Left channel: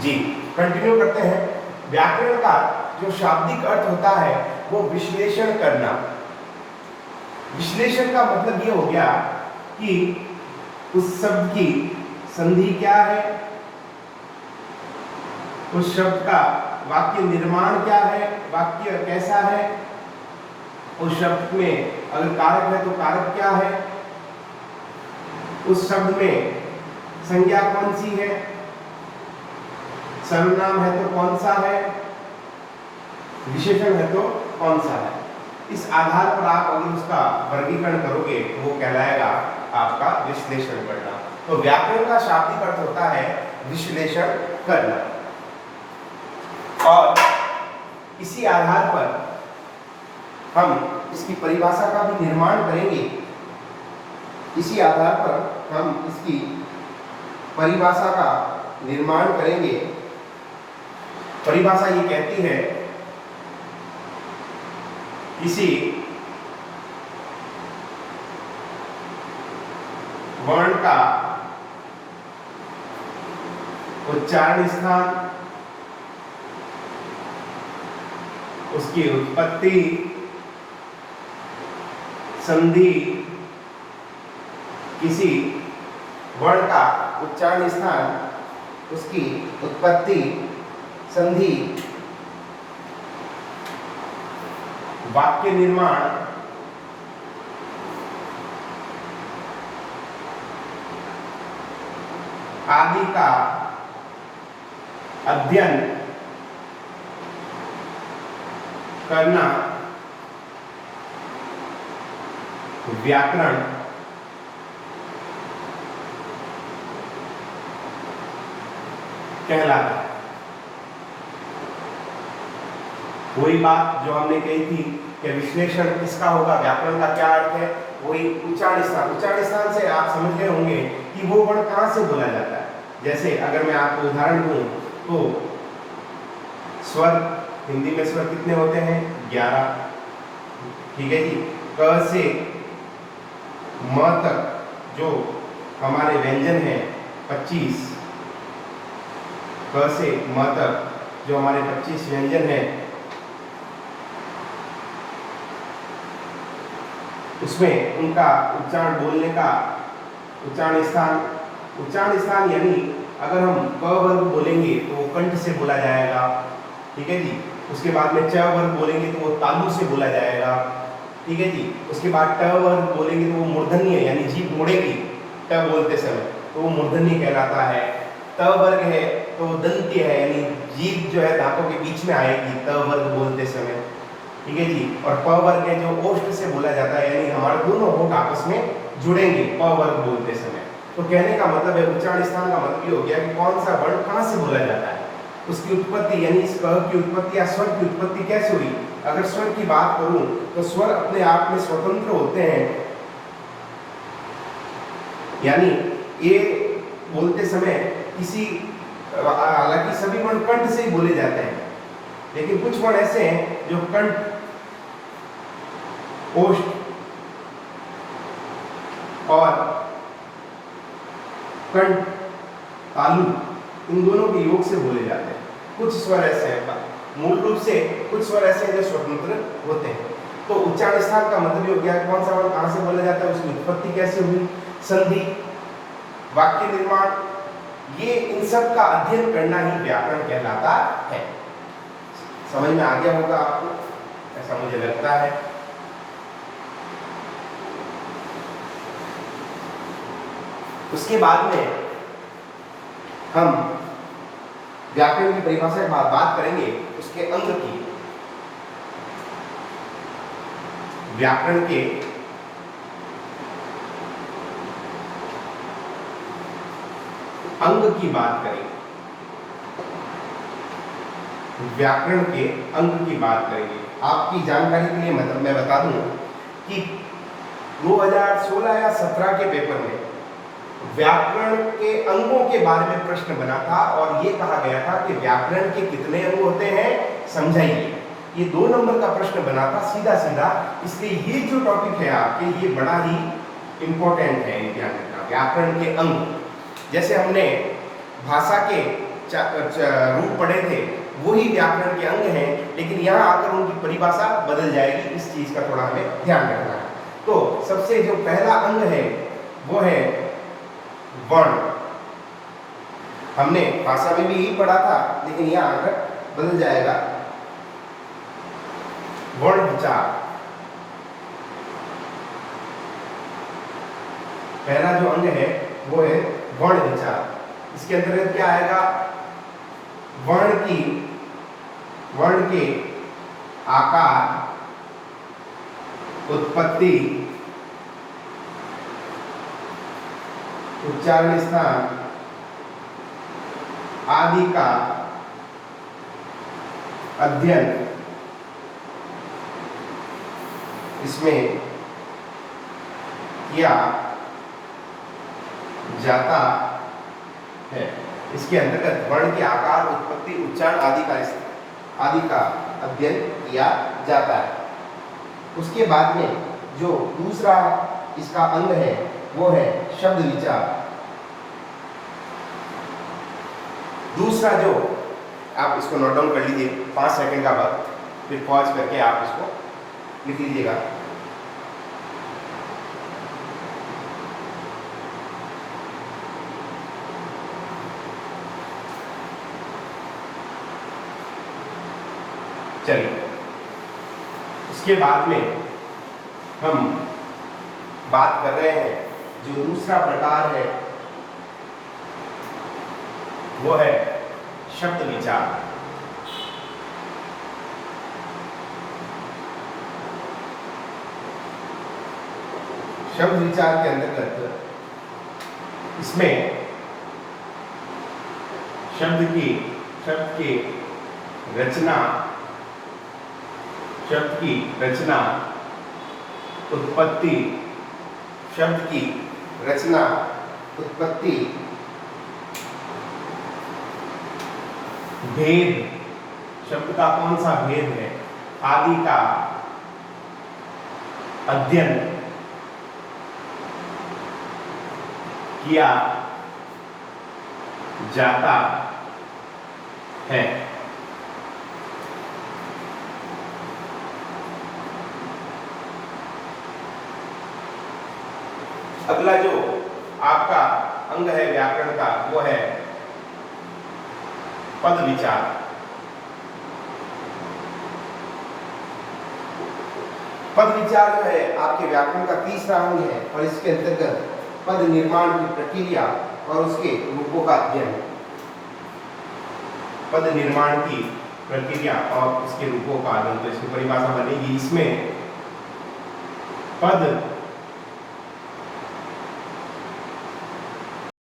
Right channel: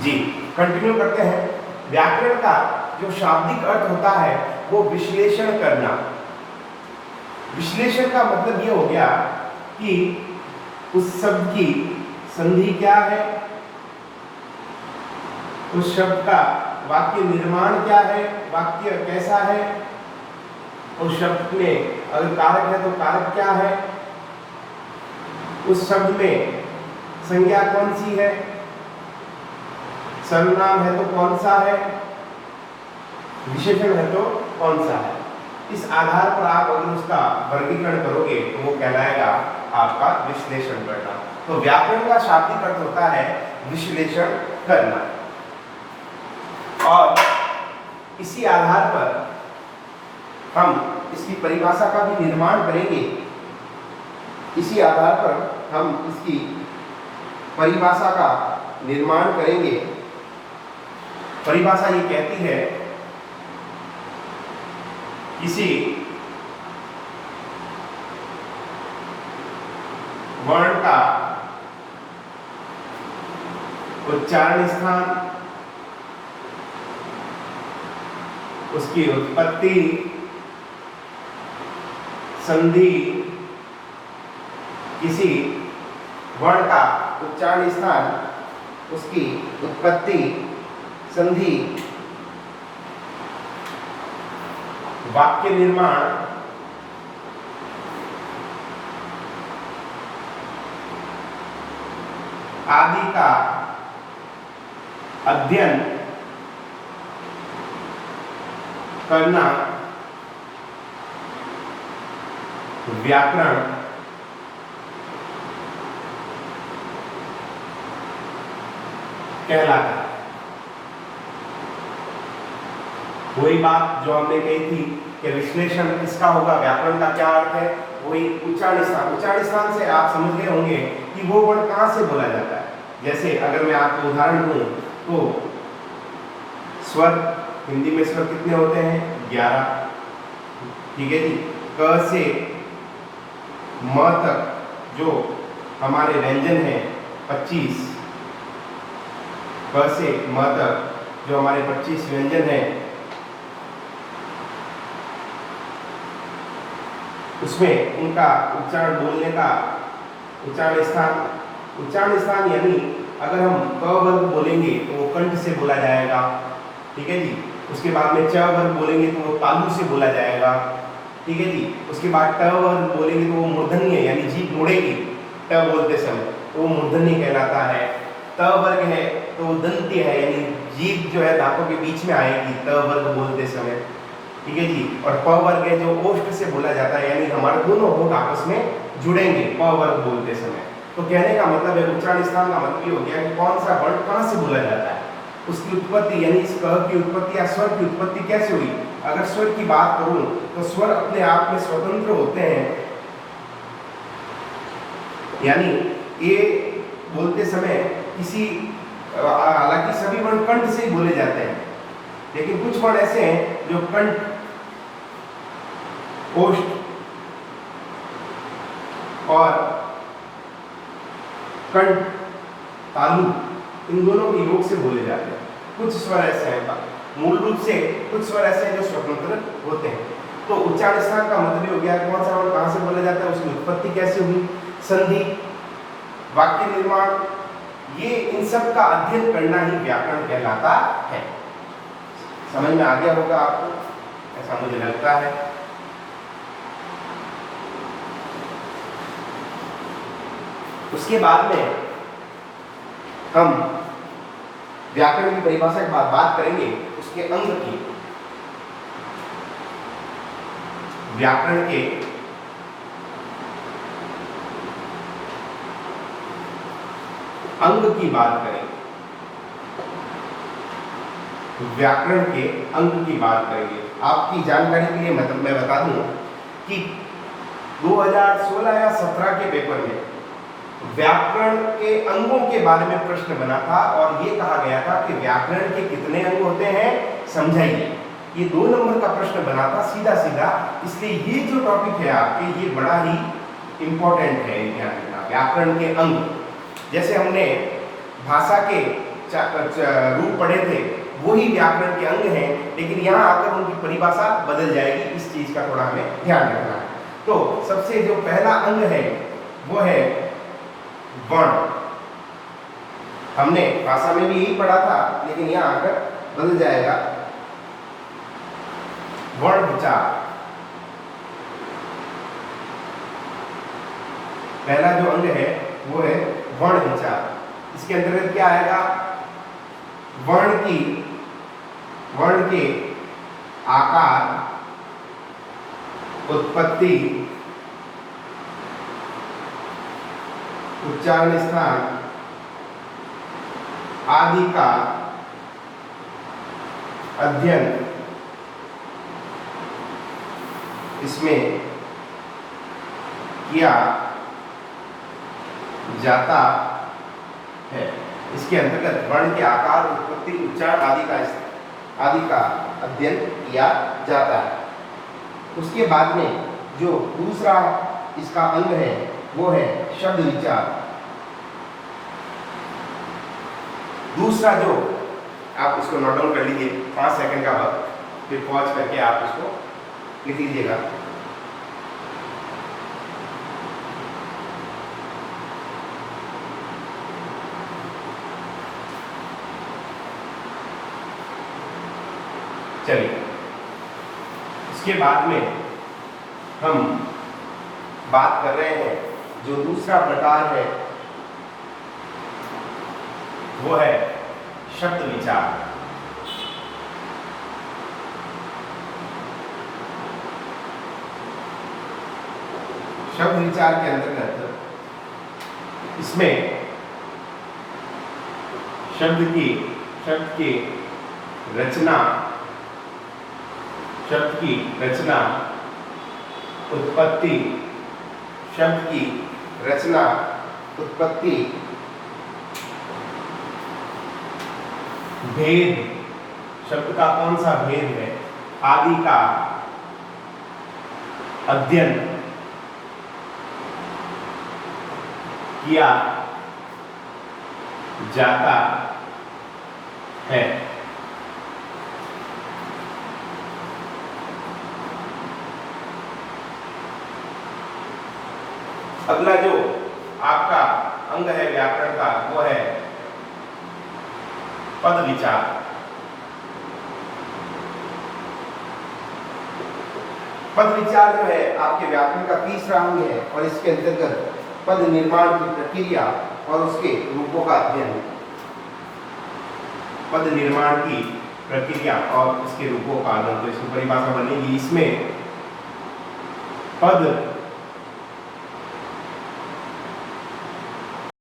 जी, continue करते हैं। व्याकरण का जो शाब्दिक अर्थ होता है वो विश्लेषण करना। विश्लेषण का मतलब ये हो गया कि उस शब्द की संधि क्या है, उस शब्द का वाक्य निर्माण क्या है, वाक्य कैसा है, उस शब्द में अगर कारक है तो कारक क्या है, उस शब्द में संज्ञा कौन सी है, सर्वनाम है तो कौन सा है, विशेषण है तो कौन सा है। इस आधार पर आप अगर उसका वर्गीकरण करोगे तो वो कहलाएगा आपका विश्लेषण करना। तो व्याकरण का शाब्दिक अर्थ होता है विश्लेषण करना, और इसी आधार पर हम इसकी परिभाषा का भी निर्माण करेंगे। इसी आधार पर हम इसकी परिभाषा का निर्माण करेंगे। परिभाषा ये कहती है किसी वर्ण का उच्चारण स्थान, उसकी उत्पत्ति, संधि, किसी वर्ण का उच्चारण स्थान, उसकी उत्पत्ति, संधि, वाक्य निर्माण, आदि का अध्ययन करना व्याकरण कहलाता है। वही बात जो हमने कही थी कि विश्लेषण किसका होगा, व्याकरण का क्या अर्थ है, वही उच्चारण स्थान। उच्चारण स्थान से आप समझ गए होंगे कि वो वर्ण कहाँ से बोला जाता है। जैसे अगर मैं आपको उदाहरण दूं तो स्वर, हिंदी में स्वर कितने होते हैं? 11। ठीक है जी। क से म तक जो हमारे व्यंजन हैं 25, क से म तक जो हमारे 25 व्यंजन हैं, उसमें उनका उच्चारण बोलने का उच्चारण स्थान यानी अगर हम क वर्ग बोलेंगे तो वो कंठ से बोला जाएगा। ठीक है जी। उसके बाद में च वर्ग बोलेंगे तो वो तालु से बोला जाएगा। ठीक है जी। उसके बाद ट वर्ग बोलेंगे तो वो मूर्धन्य यानी जीभ मुड़ेगी ट बोलते समय, तो वो मूर्धन्य कहलाता है। त वर्ग है तो वो दंत्य है यानी जीभ जो है दांतों के बीच में आएगी त वर्ग बोलते समय। ठीक है जी। और प वर्ग है जो ओष्ठ से बोला जाता है यानी हमारे दोनों होंठ आपस में जुड़ेंगे प वर्ग बोलते समय। तो कहने का मतलब है उच्चारण स्थान का मतलब ये हो गया कि कौन सा वर्ण कहाँ से बोला जाता है, उसकी उत्पत्ति यानी इस क की उत्पत्ति या स्वर की उत्पत्ति कैसे हुई। अगर स्वर की बात करूं तो स्वर अपने आप में स्वतंत्र होते हैं, यानी ए बोलते समय किसी, हालांकि सभी वर्ण कंठ से ही बोले जाते हैं, लेकिन कुछ वर्ण ऐसे हैं जो कंठ, ओष्ठ और कंठ, तालु, इन दोनों के योग से बोले जाते हैं। कुछ स्वर ऐसे हैं, मूल रूप से कुछ स्वर ऐसे हैं जो स्वतंत्र होते हैं। तो उच्चारण स्थान का मतलब हो गया कौन सा वर्ण कहां से बोला जाता है, उसकी उत्पत्ति कैसे हुई, संधि, वाक्य निर्माण, ये इन सब का अध्ययन करना ही व्याकरण कहलाता है। समझ में आ गया होगा आपको, ऐसा मुझे लगता है। उसके बाद में हम व्याकरण की परिभाषा की बात करेंगे, उसके अंग की, व्याकरण के अंग की बात करेंगे, व्याकरण के अंग की बात करेंगे। आपकी जानकारी के लिए मतलब मैं बता दूं कि 2016 या 17 के पेपर में व्याकरण के अंगों के बारे में प्रश्न बना था और ये कहा गया था कि व्याकरण के कितने अंग होते हैं समझाइए। ये 2 नंबर का प्रश्न बना था सीधा सीधा, इसलिए ये जो टॉपिक है आपके ये बड़ा ही इंपॉर्टेंट है ध्यान रखना। व्याकरण के अंग, जैसे हमने भाषा के रूप पढ़े थे वही व्याकरण के अंग हैं, लेकिन यहाँ आकर उनकी परिभाषा बदल जाएगी। इस चीज का थोड़ा हमें ध्यान रखना है। तो सबसे जो पहला अंग है वो है वर्ण। हमने भाषा में भी यही पढ़ा था, लेकिन यहाँ आकर बदल जाएगा। वर्ण विचार, पहला जो अंग है वो है वर्ण विचार। इसके अंतर्गत क्या आएगा? वर्ण के आकार, उत्पत्ति, उच्चारण स्थान आदि का अध्ययन इसमें किया जाता है। इसके अंतर्गत वर्ण के आकार, उत्पत्ति, उच्चारण आदि का अध्ययन किया जाता है। उसके बाद में जो दूसरा इसका अंग है वो है शब्द विचार। दूसरा जो, आप इसको नोट डाउन कर लीजिए, 5 सेकंड का वक्त, फिर पॉज करके आप इसको लिख लीजिएगा। चलिए, उसके बाद में हम बात कर रहे हैं जो दूसरा प्रकार है वो है शब्द विचार। शब्द विचार के अंतर्गत इसमें शब्द की रचना, उत्पत्ति, शब्द की रचना, उत्पत्ति, भेद, शब्द का कौन सा भेद है आदि का अध्ययन किया जाता है। अगला जो आपका अंग है व्याकरण का वो है पद विचार। पद विचार जो है आपके व्याकरण का तीसरा अंग है और इसके अंतर्गत पद निर्माण की प्रक्रिया और उसके रूपों का अध्ययन। पद निर्माण की प्रक्रिया और इसके रूपों का अध्ययन, तो इसकी परिभाषा बनेगी। इसमें पद